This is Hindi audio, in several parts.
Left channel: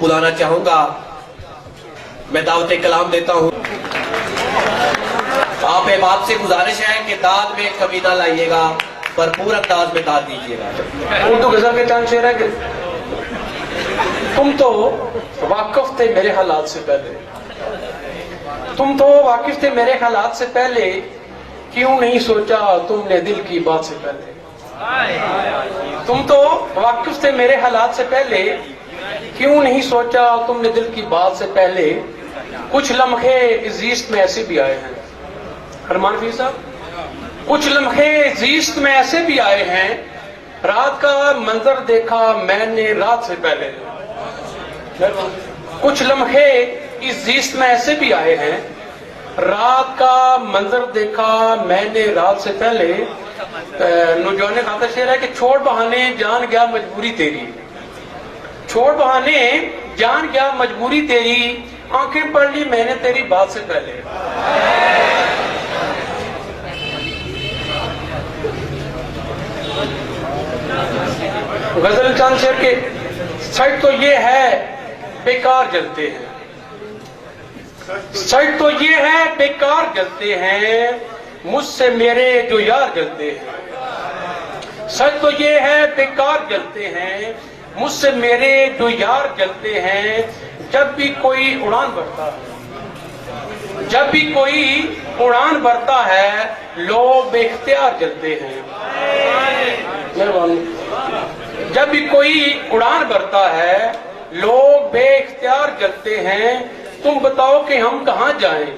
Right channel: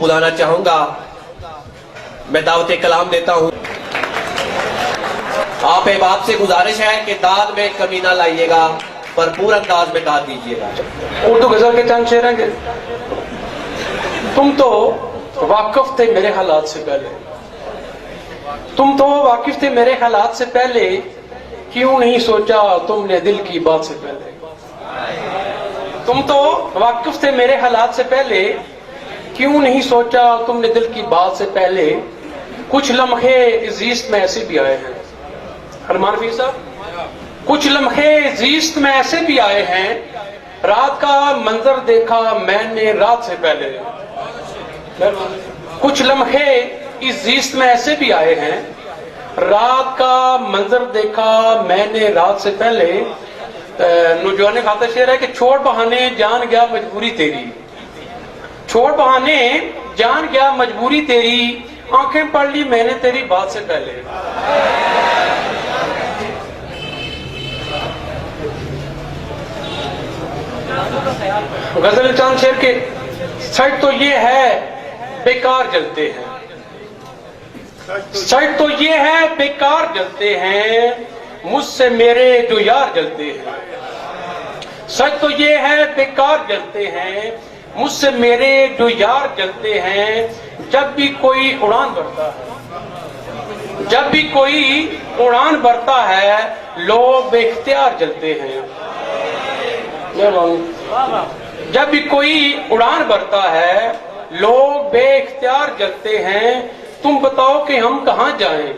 बुलाना चाहूंगा। मैं दावत कलाम देता हूं। आप अहबाब से गुजारिश है कि दाद में कमी ना लाइएगा, भरपूर अंदाज में दाद दीजिएगा। उर्दू गजल के चांद शेर है कि तुम तो वाकिफ थे मेरे हालात से पहले, तुम तो वाकिफ थे मेरे हालात से पहले, क्यों नहीं सोचा तुमने दिल की बात से पहले। तुम तो वाकिफ थे मेरे हालात से पहले, क्यों नहीं सोचा तुमने दिल की बात से पहले। कुछ लम्हे जीस्त में ऐसे भी आए हैं, अरमान फीर साहब, कुछ लम्हे जीस्त में ऐसे भी आए हैं, रात का मंजर देखा मैंने रात से पहले। कुछ लम्हे इस जीस्त में ऐसे भी आए हैं, रात का मंजर देखा मैंने रात से पहले। नौजवान खातर शेर है कि छोड़ बहाने जान गया मजबूरी तेरी, छोड़ बहाने जान गया मजबूरी तेरी, आंखें पढ़ ली मैंने तेरी बात से पहले। गजल चांद शेर के सच तो ये है बेकार जलते हैं, सच तो ये है बेकार जलते हैं, मुझसे मेरे जो यार जलते हैं। सच तो ये है बेकार जलते हैं, मुझसे मेरे जो यार जलते हैं। जब भी कोई उड़ान भरता है, जब भी कोई उड़ान भरता है, लोग बेख्तियार जलते हैं। जब भी कोई उड़ान भरता है, लोग बेख्तियार जलते हैं। तुम बताओ कि हम कहां जाएं,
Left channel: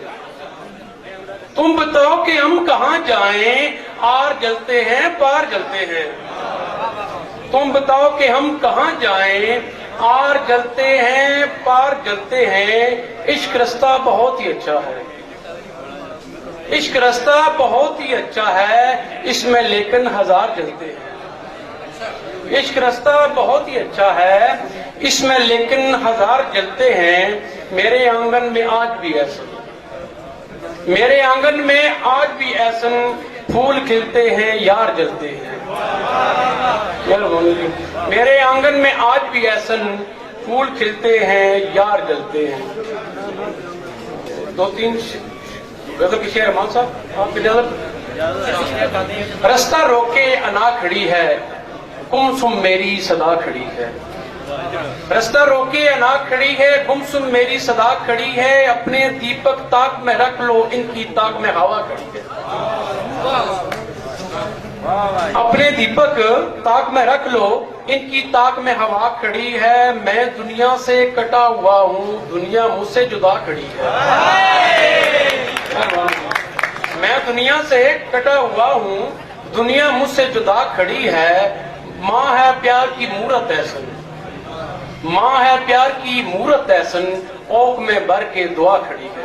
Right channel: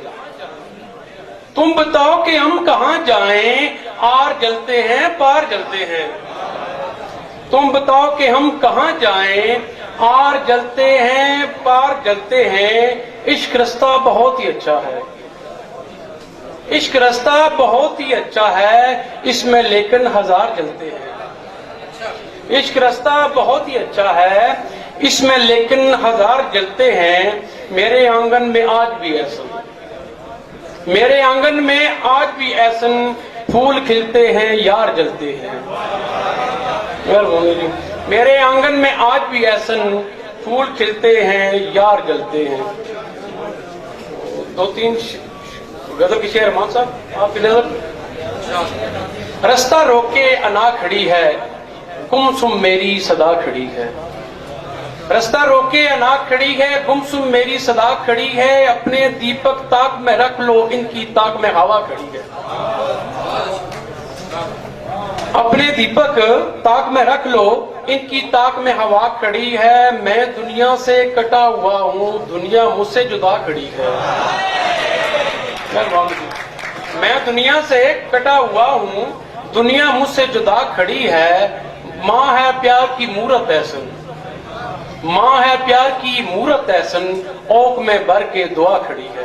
तुम बताओ कि हम कहां जाएं, आर जलते हैं पार जलते हैं। तुम बताओ कि हम कहां जाएं, आर जलते हैं पार जलते हैं। इश्क रास्ता बहुत ही अच्छा है, इश्क रास्ता बहुत ही अच्छा है, इसमें लेकिन हजार जलते हैं। इश्क रास्ता बहुत ही अच्छा है, इसमें लेकिन हजार जलते हैं। मेरे आंगन में आज भी ऐसा, मेरे आंगन में आज भी ऐसा, फूल खिलते हैं यार जलते हैं। मेरे आंगन में आज भी ऐसा, फूल खिलते हैं यार जलते हैं। दो तीन गजल की शेर मान साहब आपकी नजर। रास्ता रोके अना खड़ी है, गुमसुम मेरी सदा खड़ी है। रास्ता रोके अना खड़ी है, गुमसुम मेरी सदा खड़ी है। अपने दीपक ताक में रख लो, इनकी ताक में हवा खड़ी है। अपने दीपक ताक में रख लो, इनकी ताक में हवा खड़ी है। मैं दुनिया से कटा हुआ हूँ, दुनिया मुझसे जुदा खड़ी है। मैं दुनिया से कटा हुआ हूँ, दुनिया मुझसे जुदा खड़ी है। माँ है प्यार की मूरत ऐसन, माँ है प्यार की मूरत ऐसन, ओक में भर के दुआ खड़ी है।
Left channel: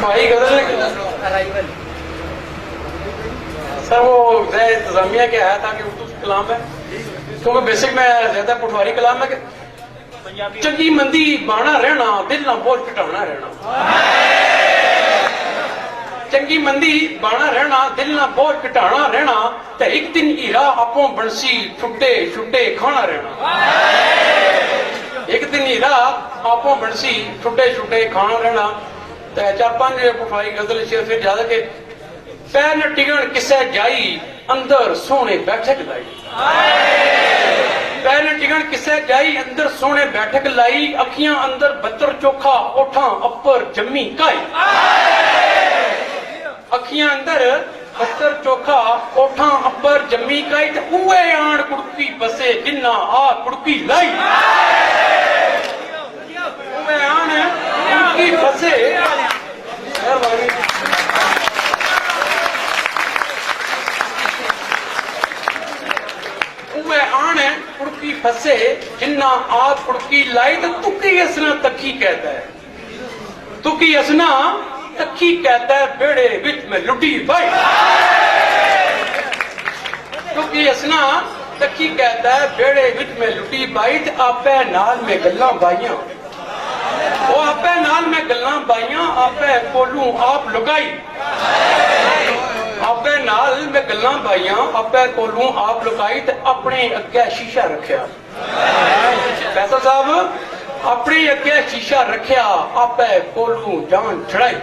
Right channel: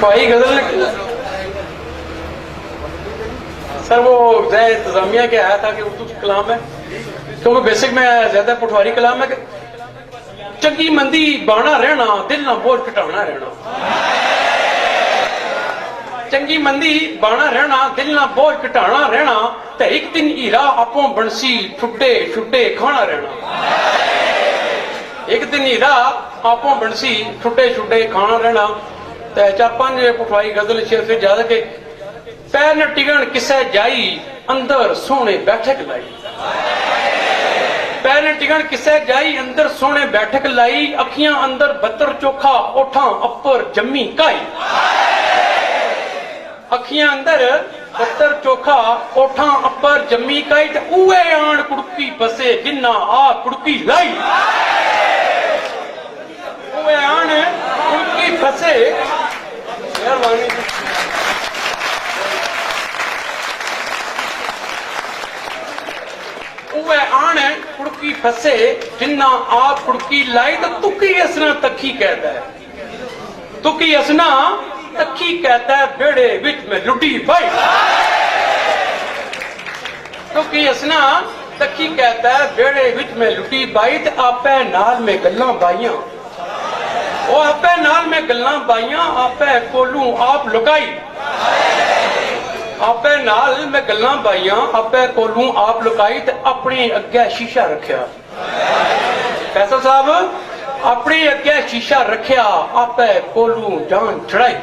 भाई गजल सर वो इंतजामिया के आया था कि उर्दू कलाम है, क्योंकि बेसिक में ज्यादा पटवारी कलाम है कि चंगी मंदी बाना रहना, दिल ना बोझ घटाना रहना। चंगी मंदी बाना रहना, दिल ना बोझ घटाना रहना। ते एक दिन हीरा आपो बंसी छुट्टे छुट्टे खाना रहना। एक दिन हीरा आपो बंसी छुट्टे छुट्टे खाना रहना। ते चार पांच पटवारी गजल शेर फिर ज्यादा के पैर न टिगण किसे जाई, अंदर सोने बैठक लाई। पैर न टिगण किसे जाई, अंदर सोने बैठक लाई। अखियां अंदर बत्तर चोखा, ओठा अपर जम्मी काई। अखियां अंदर बत्तर चोखा, ओठा अपर जम्मी काई। ते उए आण कुड़की बसे जिन्ना आ कुड़की लाई। उए आण कुड़की बसे आन कुड़की फसे जिन्ना आप कुड़की लाई। तो तुकी असना तखी कहता है, तुकी असना तखी कहता है, बेड़े विच में लुटी भाई। तुकी असना तखी कहता है, बेड़े विच में लुटी बाई। ते आपे नाल में गल्लां बाइयां, ਉਹ ਆਪੇ ਨਾਲ ਮੈਂ ਗੱਲਾਂ ਪਾਈਆਂ, ਆਪੇ ਕੋਲੂ ਆਪ ਲੁਕਾਈ। ਆਪੇ ਨਾਲ ਮੈਂ ਗੱਲਾਂ ਪਾਈਆਂ, ਆਪੇ ਕੋਲੂ ਆਪ ਲੁਕਾਈ ਤੇ ਆਪਣੇ ਅੱਗੇ ਸ਼ੀਸ਼ਾ ਰੱਖਿਆ। ਫੈਸਲ ਸਾਹਿਬ, ਆਪਣੇ ਅੱਗੇ ਸ਼ੀਸ਼ਾ ਰੱਖਿਆ, ਆਪੇ ਕੋਲੂ ਜਾਨ ਛੜਾਈ।